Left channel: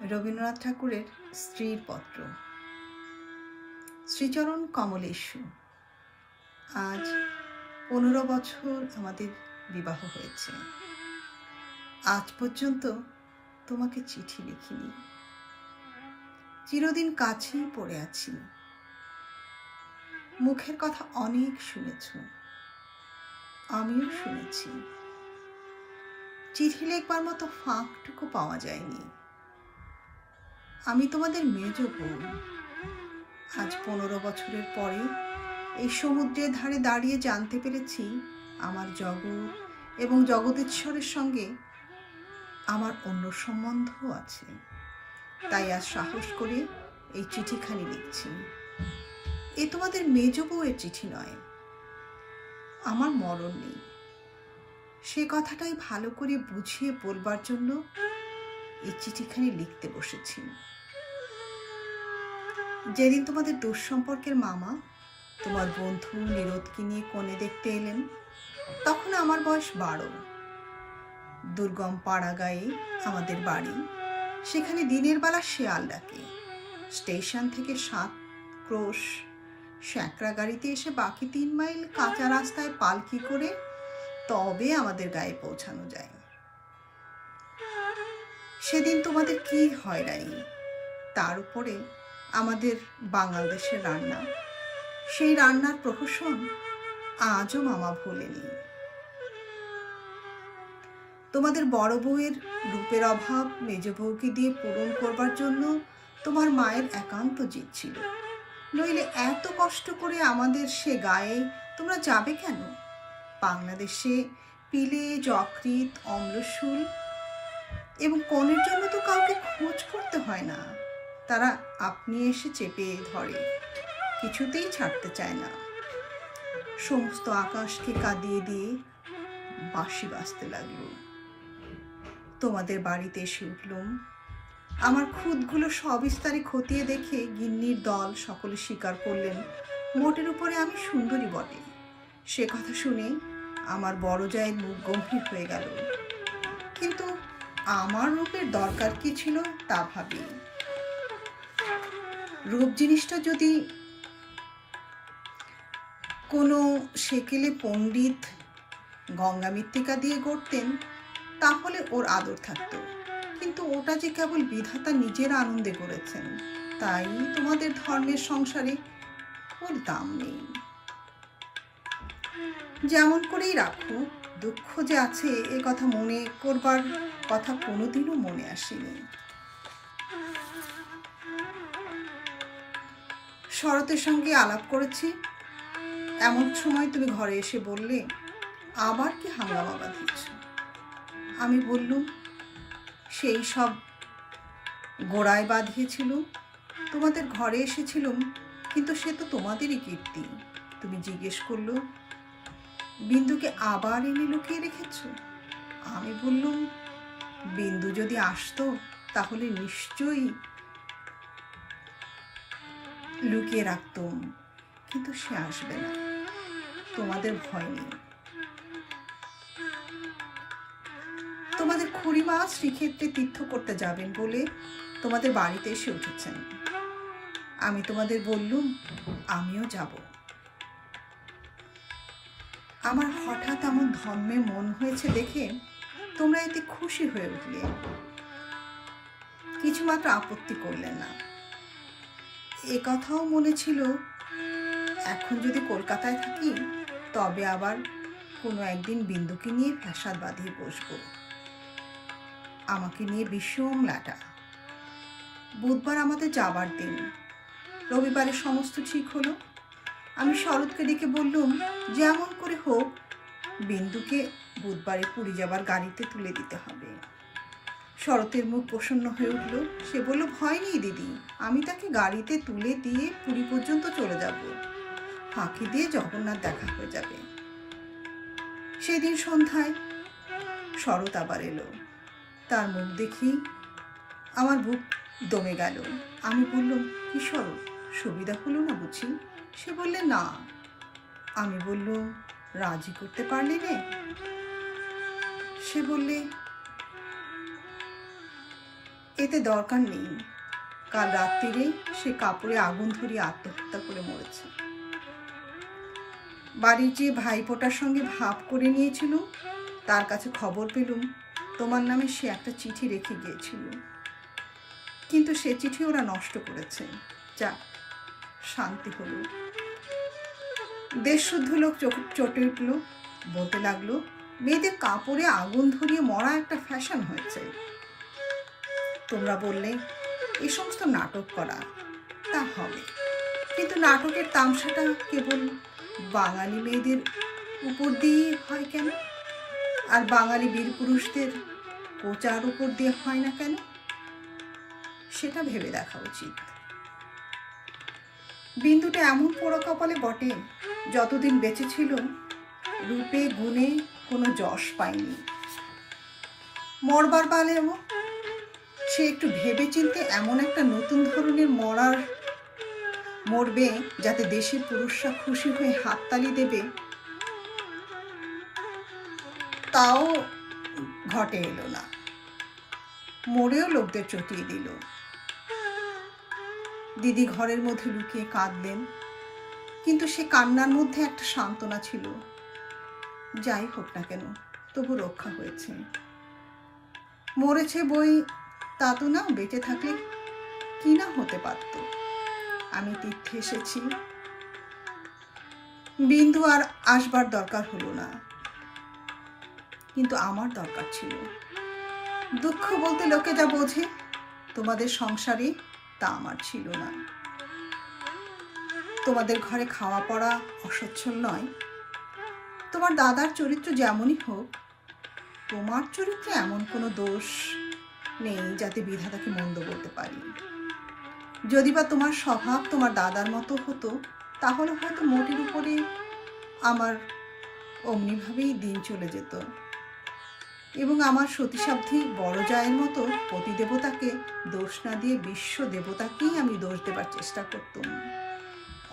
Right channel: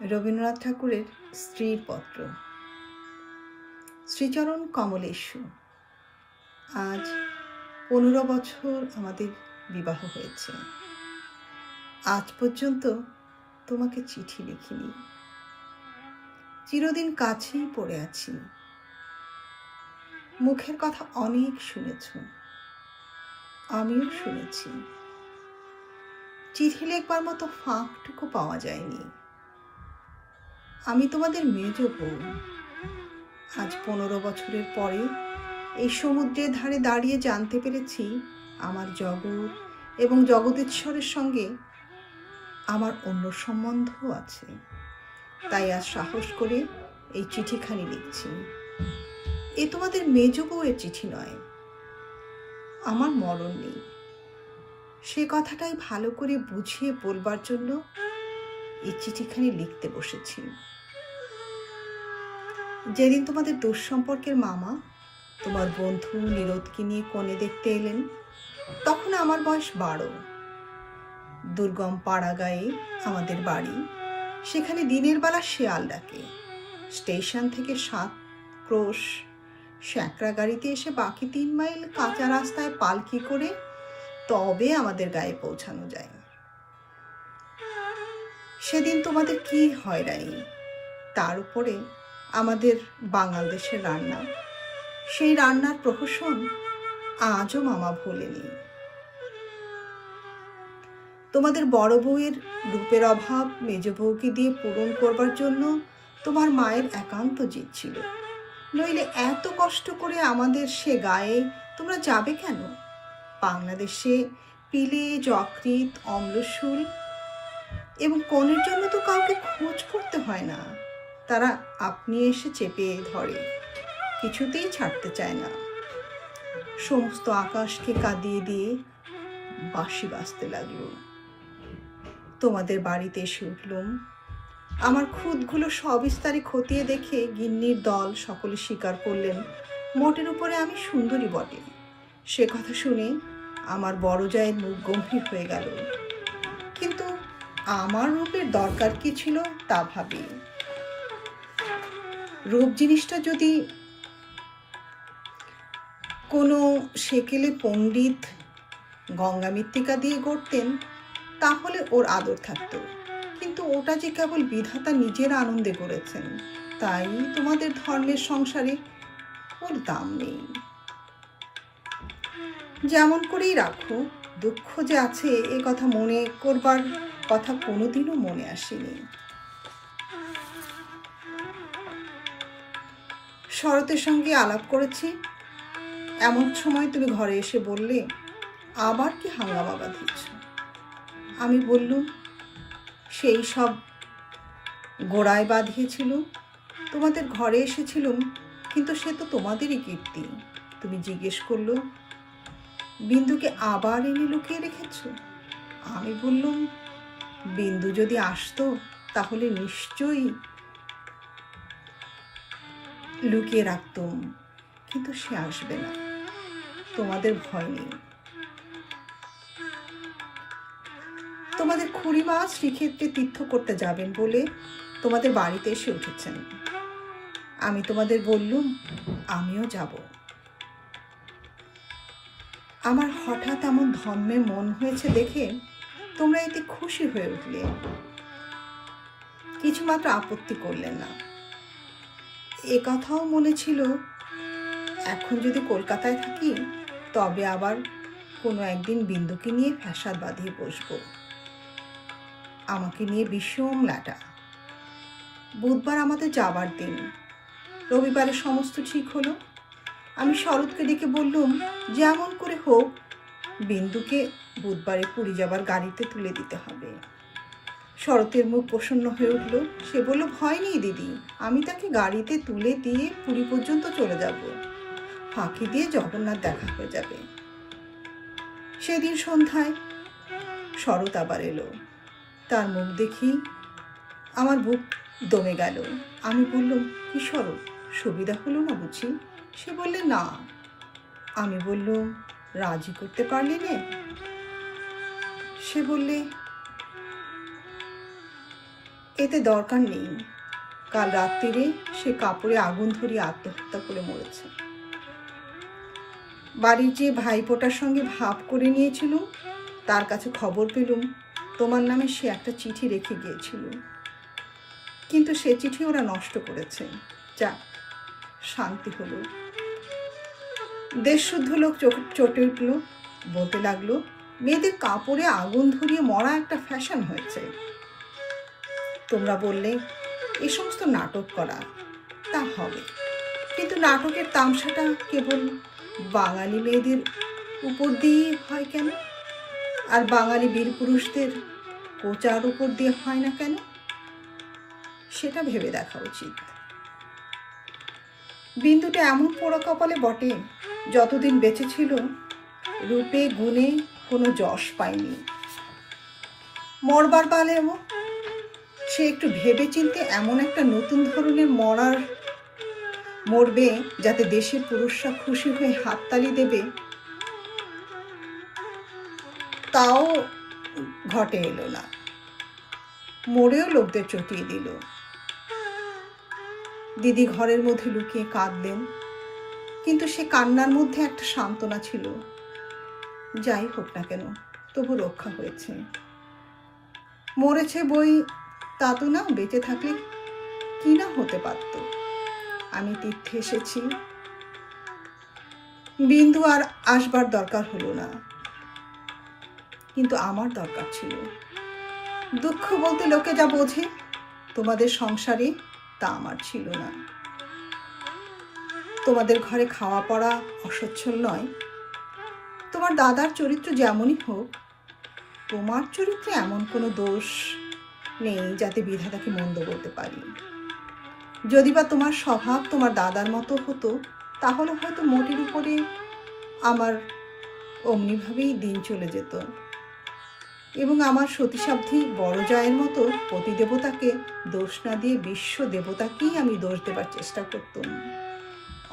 রবীন্দ্রনাথ ঠাকুরের স্ত্রীর পত্র। শ্রীচরণ কমলেশু, আজ 15 বছর আমাদের বিবাহ হয়েছে। আজ পর্যন্ত তোমাকে চিঠি লিখিনি। চিরদিন কাছেই পড়ে আছি। মুখের কথা অনেক শুনেছ, আমিও শুনেছি। চিঠি লিখবার মতো ফাঁকটুকু পাওয়া যায়নি। আমি তোমাদের মেজ বোন। আজ 15 বছরের পরে এই সমুদ্রের ধারে দাঁড়িয়ে জানতে পেরেছি আমার জগৎ এবং জগদীশ্বরের সঙ্গে আমার অন্য সম্বন্ধও আছে। তাই আজ সাহস করে এই চিঠিখানি লিখছি। এ তোমাদের মেজ বউয়ের চিঠি নয়। আমার মরণ নেই, সে কথাটাই ভালো করে বুঝিয়ে বলবার জন্য এই চিঠিখানি লিখতে বসেছি। যেদিন তোমাদের দুঃসম্পর্কের মামা তোমার বন্ধু নিরোধকে নিয়ে কনে দেখতে এলেন, তখন আমার বয়স 12। দুর্গম পাড়া গায়ে আমাদের বাড়ি। সেখানে দিনের বেলা শেয়াল ডাকে। স্টেশন থেকে 7 ক্রোশ স্যাঁকড়া গাড়িতে এসে বাকি 3 মাইল কাঁচা রাস্তায় পালকি করে তবে আমাদের গায়ে পৌঁছানো যায়। সেদিন তোমাদের কি হয়রানি, তার উপরে আমাদের বাংলাদেশের রান্না। সেই রান্নার প্রহসন আজও মামা ভোলেনি। তোমাদের বড় বউয়ের রূপের অভাব মেজ বউকে দিয়ে পূরণ করবার জন্য তোমার মায়ের একান্ত জিদ ছিল। নইলে এত কষ্ট করে আমাদের সে গায়ে তোমরা যাবে কেন? বাংলাদেশে পিলে, যকৃৎ, অম্লশূল এবং কনের জন্য তো কাউকে খোঁজ করতে হয় না। তারা আপনি এসে চেপে ধরে, কিছুতেই ছাড়তে চায় না। সমস্ত আকাশকে কাঁদিয়ে দিয়ে বাঁশি বাজতে লাগলো। তোমাদের বাড়িতে এসে উঠলুম। আমার খুদগুলো সবিস্তারে খতিয়ে দেখে গিন্নির দল সকলে স্বীকার করলেন মোটের উপরে আমি সুন্দরী বটে। সে কথা শুনে আমার বড় জায়ের মুখ গম্ভীর হয়ে গেল। কিন্তু আমার রূপের দরকার কি ছিল তা ভাবি। রূপ জিনিসটা যদি কোনো সেকেলে পণ্ডিত গঙ্গা মৃত্তিকা দিয়ে গড়তেন তাহলে ওর আদর থাকতো, কিন্তু ওটা যে কেবল বিধাতা নিজের আনন্দে করেছেন, তাই তোমাদের ধর্মের সংসারে ওর দাম নেই। যেমন করেই রাখো, দুঃখ যে আছে এ কথা মনে করবার কথা কোনোদিনও মনে আসেনি। শরতের সঙ্গে আলাপ করেছি, এমন সময় তুমি ঘরে এসে বললে, আবার কি হাঙ্গামা বাঁধিয়েছ? আমি বললুম, সেই সব গোড়ায় বাঁধিয়েছিল। তোমাদের ঘরে এসেছিলুম, কিন্তু সে তো তোমাদেরই কীর্তি। তুমি জিজ্ঞেস করলো, বিন্দুকে আবার এনে লুকিয়ে রেখেছ? আমি বললুম, বিন্দু যদি আসতো তাহলে নিশ্চয়ই লুকিয়ে রাখতুম, কিন্তু সে আসবে না। তোমাদের ভয় নেই। তোমাদের খুড়িমা শ্রীক্ষেত্রে তীর্থ করতে যাবেন বলে তোমাদের বাড়িতে এসে উঠেছেন। আমি তোমাদের বললুম, আমিও যাব। আমার হঠাৎ এমন ধর্মে মন হয়েছে দেখে তোমরা এতে খুশি হয়ে উঠলে, কিছুমাত্র আপত্তি করলেন না। এ কথাও মনে ছিল, এখন যদি কলকাতায় থাকি তবে আবার কোনো একদিন বিন্দুকে নিয়ে ফ্যাসাদ বাঁধিয়ে বসবো। আমাকে নিয়ে বিষম লাটা। বুধবার আমাদের যাবার দিন। রবিবারে সমস্ত ঠিক হলো। আমি শরৎকে ডেকে বললুম, যেমন করে হোক বিন্দুকে বুধবারে পুরী যাবার গাড়িতে তুলে দিতে হবে। শরতের মুখ প্রসন্ন হয়ে উঠল। সে বলল, ভয় নেই দিদি, আমি তাকে গাড়িতে তুলে দিয়ে পুরী পর্যন্ত চলে যাব। ফাঁকি দিয়ে জগন্নাথ দেখা হয়ে যাবে। সেদিন সন্ধ্যায় শরৎ আবার এলো। তার মুখ দেখি আমার বুক দমে গেল। আমি বললুম, কি শরৎ, সুবিধা হলো না বুঝি? সে বললে, না। আমি বললুম, রাজি করতে পারলি নে? সে বললে, এতে দরকার নেই। কাল রাত্রিরে সে কাপড়ে আগুন ধরিয়ে আত্মহত্যা করে মরেছে। বাড়ির যে ভাইপোটার সঙ্গে ভাব করে নিয়েছিল, তার কাছে খবর পেলুম তোমার নামে সে একটা চিঠি রেখে গিয়েছিল, কিন্তু সে চিঠি ওরা নষ্ট করেছে। যাক, শান্তি হলো। দেশশুদ্ধ লোক চটে উঠল, বলতে লাগলো, মেয়েদের কাপড়ে আগুন ধরিয়ে মরা একটা ফ্যাশন হয়েছে। তোমরা বললে এ সমস্ত নাটক করা, তা হবে, কিন্তু নাটকের তামসাটা কেবল বাঙালি মেয়েদের উপর দিয়েই হয় কেন, আর বাঙালি বীর পুরুষদের কোচার উপর দিয়ে হয় না কেন? সেটা ভেবে দেখা উচিত। বিন্দুটা এমন পোড়া কপালে বটে, যতদিন বেঁচে ছিল রূপে গুণে কোনো যশ পায়নি। মরবার পালেও সে একটু ভেবে চিনতে এমন একটা নতুন ধরনের মরবে যাতে দেশের পুরুষরা খুশি হয়ে হাততালি দেবে, তাও ঘটে এলো না। মরেও লোকদের চটিয়ে দিল। দিদি ঘরের মধ্যে লুকিয়ে কাঁদলেন, কিন্তু সে কান্নার মধ্যে একটা সান্ত্বনা ছিল। যাই হোক না কেন, তবু রক্ষা হয়েছে। মরেছে বই তা তো না, বেঁচে থাকলে কি না হতে পারত। আমি তীর্থে এসেছি, বিন্দু আর আসবার দরকার হলো না, কিন্তু আমার দরকার ছিল। দুঃখ বলতে লোকে যা বোঝে তোমাদের সংসারে, তা আমার ছিল না। তোমাদের ঘরে খাওয়া পড়া অসচ্ছল নয়। তোমার দাদার চরিত্র যেমনই হোক, তোমার চরিত্রে এমন কোনো দোষ নেই যাতে বিধাতাকে মন্দ বলতে পারি। যদি বা তোমার স্বভাব তোমার দাদার মতো হতো, তাহলে হয়তো মোটির উপরে আমার অমনিভাবেই দিন চলে যেত, এবং আমার সতীসাধ্যী বড় জায়ের মতো পতিদেবতাকে দোষ না দিয়ে বিশ্ব দেবতাকেই আমি দোষ দেবার চেষ্টা করতাম।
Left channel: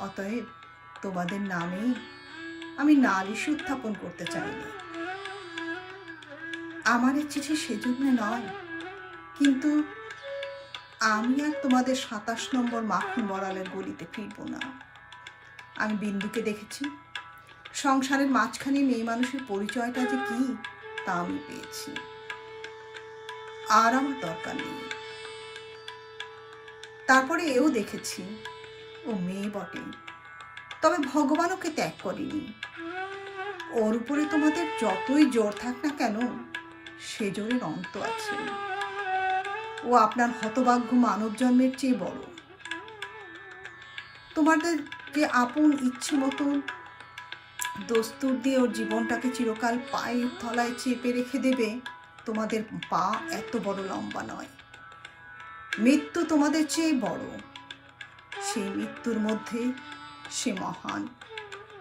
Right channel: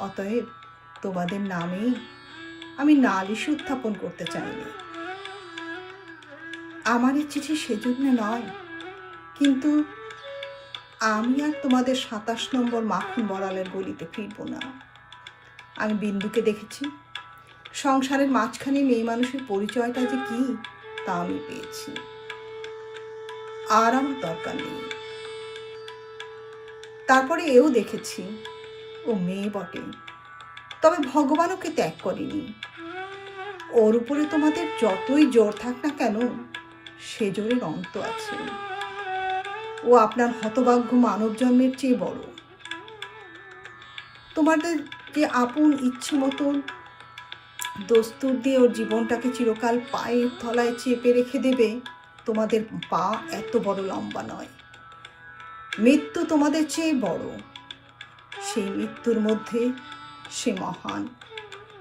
অতএব তোমাদের নামে আমি নালিশ উত্থাপন করতে চাইনি। আমার এই চিঠি সেজন্য নয়, কিন্তু আমি আর তোমাদের 27 নম্বর মাখন বড়ালের গলিতে ফিরব না। আমি বিন্দুকে দেখেছি। সংসারের মাঝখানে মেয়ে মানুষের পরিচয়টা যে কি, তা আমি পেয়েছি। আর আমার দরকার নেই। তারপরে এও দেখেছি, ও মেয়ে বটে, তবে ভগবান ওকে ত্যাগ করেনি। ওর উপরে তোমাদের যতই জোর থাক না কেন, সে জোরের অন্ত আছে। ও আপনার হতভাগ্য মানব জন্মের চেয়ে বড়। তোমাদের যে আপন ইচ্ছে মতন দস্তুর দিয়ে ওর জীবনটাকে চিরকাল পায়ের তলায় চেপে রেখে দেবে, তোমাদের পা এত বড় লম্বা নয়। মৃত্যু তোমাদের চেয়ে বড়। সেই মৃত্যুর মধ্যে সে মহান।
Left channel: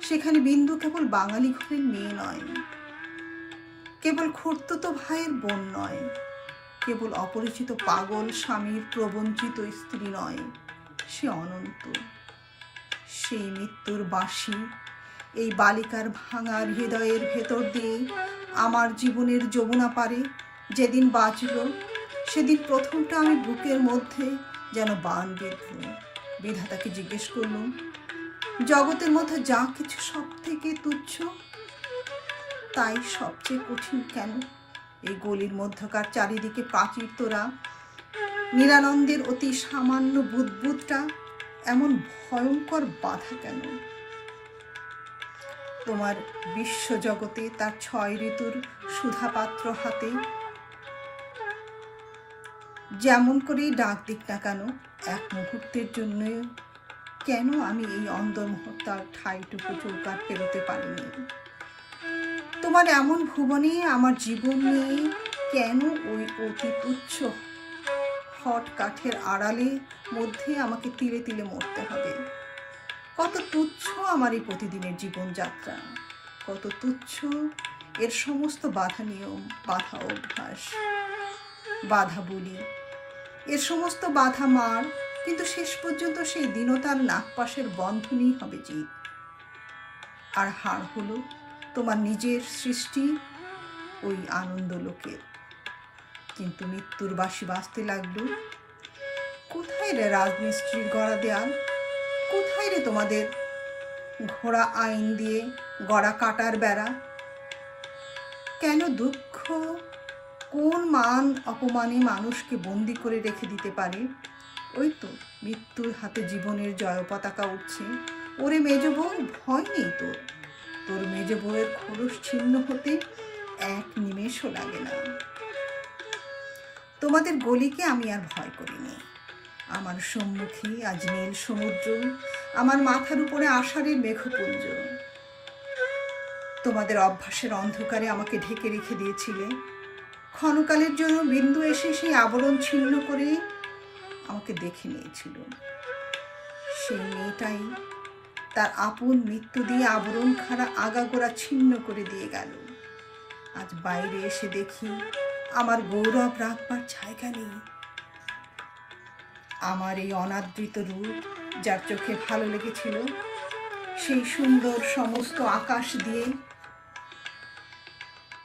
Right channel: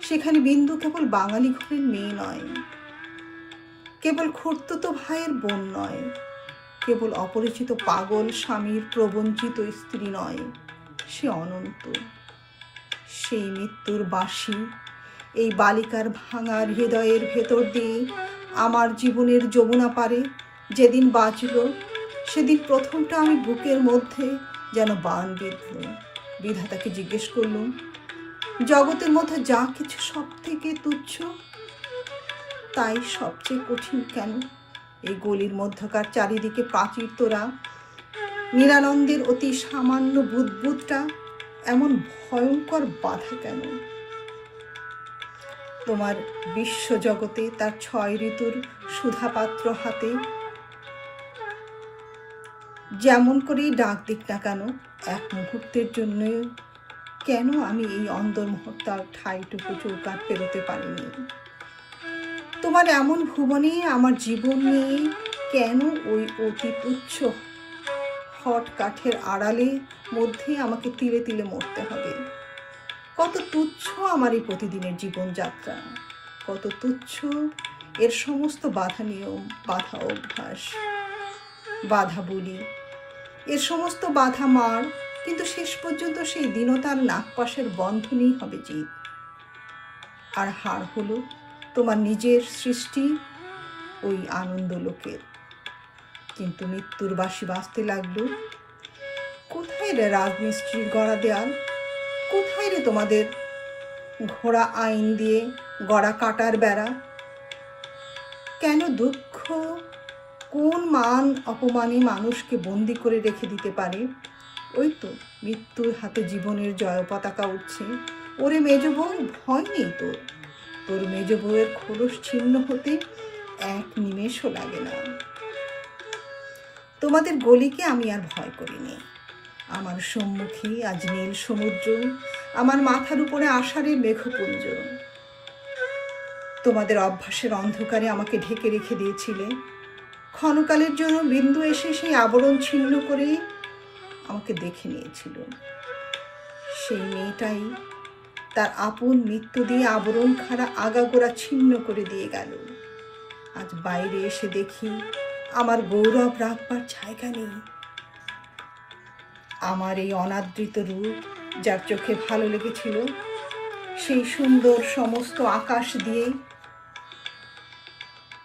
সেখানে বিন্দু কেবল বাঙালি ঘরের মেয়ে নয়, কেবল খুড়তুতো ভাইয়ের বোন নয়, কেবল অপরিচিত পাগল স্বামীর প্রবঞ্চিত স্ত্রী নয়, সে অনন্ত। সেই মৃত্যুর বাঁশি এই বালিকার ভাঙা হৃদয়ের ভেতর দিয়ে আমার জীবনের যমুনা পারে যেদিন বাজল, সেদিন প্রথমটা আমি বুকের মধ্যে যেন বান বিঁধল। বিধাতাকে জিজ্ঞেস করলুম, জগতের মধ্যে যা কিছু সব থেকে তুচ্ছ, তাই সবচেয়ে কঠিন কেন? এই গলির মধ্যকার চারিদিকে প্রাচীর তোরা নিরানন্দের অতি সামান্য বুদবুদটা এমন ভয়ঙ্কর বাধা কেন? তোমার বিশ্বজগতে তার 6 ঋতুর সুধাপাত্র হাতে যেমন করেই ডাক দিক না কেন, এক মুহূর্তের জন্য কেন আমি এই অন্দর মুহূর্তার ঠাইটুকু চৌকাট পেরোতে পারিনি? তোমার এমন ভুবনে আমার জীবন নিয়ে কেন ওই অতি তুচ্ছ হট কাঠের আড়ালে মধ্যে আমাকে তিলে তিলে মরতে হবে? কত তুচ্ছ আমার এই প্রতিদিনের জীবনযাত্রা, কত তুচ্ছ এর সমস্ত বাধা নিয়ম, বাধা অভ্যাস, বাধা বলি, এর সমস্ত বাধা মার, কিন্তু শেষ পর্যন্ত সেই দীনতার নাগপাশের বন্ধনই হবে জিত। আর হার হলো তোমার নিজের সৃষ্টি ওই আনন্দ লোকের। কিন্তু মৃত্যুর বাসি বাঁচতে লাগলো। কোথায় রে রাজমিস্ত্রির গড়া দেয়াল? কোথায় রে তোমাদের ঘোড়া আইন দিয়ে গড়া কাটার বেড়া? কেন দুঃখ কোন মান অপমানে মানুষকে বন্দি করে রেখে দিতে পারে? ওই তো মৃত্যুর হাতে জীবনের জয় পতাকা উঠছে। ওরে মেজ বউ, ভয় নেই তোর। তোর মেজ বউয়ের খোলস ছিন্ন হতে এক নিমেষও লাগে না। তোমাদের গলিকে আমি আর ভয় করিনি। আমার সম্মুখে আজ নীল সমুদ্র, আমার মাথার উপরে আষাঢ়ের মেঘপুঞ্জ। তোমাদের অভ্যাসের অন্ধকারে আমাকে ঢেকে রেখে দিয়েছিলে। ক্ষণকালের জন্য বিন্দু এসে সেই আবরণ ছিন্ন করে আমাকে দেখে নিয়েছিল। সেই মেয়েটাই তার আপন মৃত্যু দিয়ে আবরণ খাড়া আগাগোড়া ছিন্ন করে দিয়ে গেল। আজ বাইরে এসে দেখি আমার গৌরব রাখবার জায়গা নেই। আমার এই অনাদৃত রূপ যার চোখে ভালো লেগেছিল, সেই সুন্দর সমস্ত আকাশ দিয়ে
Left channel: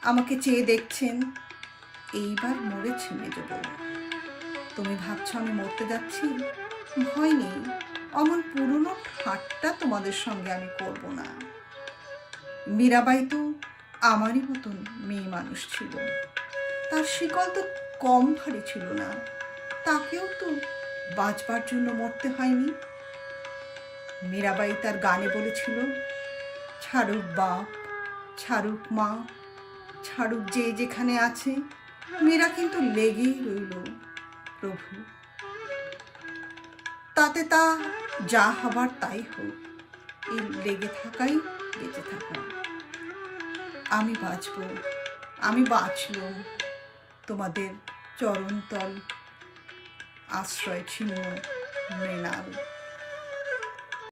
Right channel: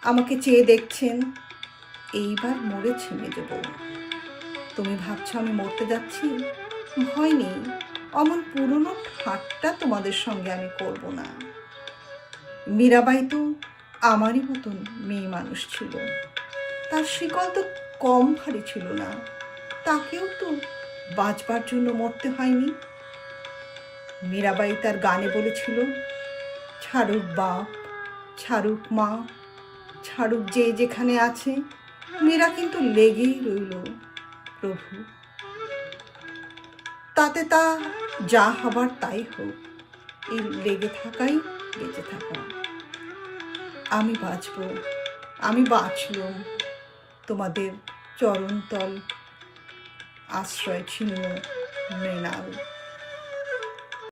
আমাকে চেয়ে দেখছেন। এইবার মরেছি মেজ বউ। তুমি ভাবছো আমি মরতে যাচ্ছি? ভয় নেই, অমন পুরনো ঠাট্টা তোমাদের সঙ্গে আমি করব না। মীরাবাই তো আমারই মতন মেয়ে মানুষ ছিল। তার শিকল তো কম ভারী ছিল না। তাকেও তো বাঁচবার জন্য মরতে হয়নি। মীরাবাই তার গানে বলেছিল, ছাড়ুক বাপ, ছাড়ুক মা, ছাড়ুক যে যেখানে আছে, মীরা কিন্তু লেগেই রইল প্রভু। তাতে তা যা হবার তাই হোক, এই লেগে থাকাই বেঁচে থাকা। আমি বাঁচব, আমি বাঁচলুম তোমাদের চরণতল আশ্রয় ছিন্ন মৃণাল।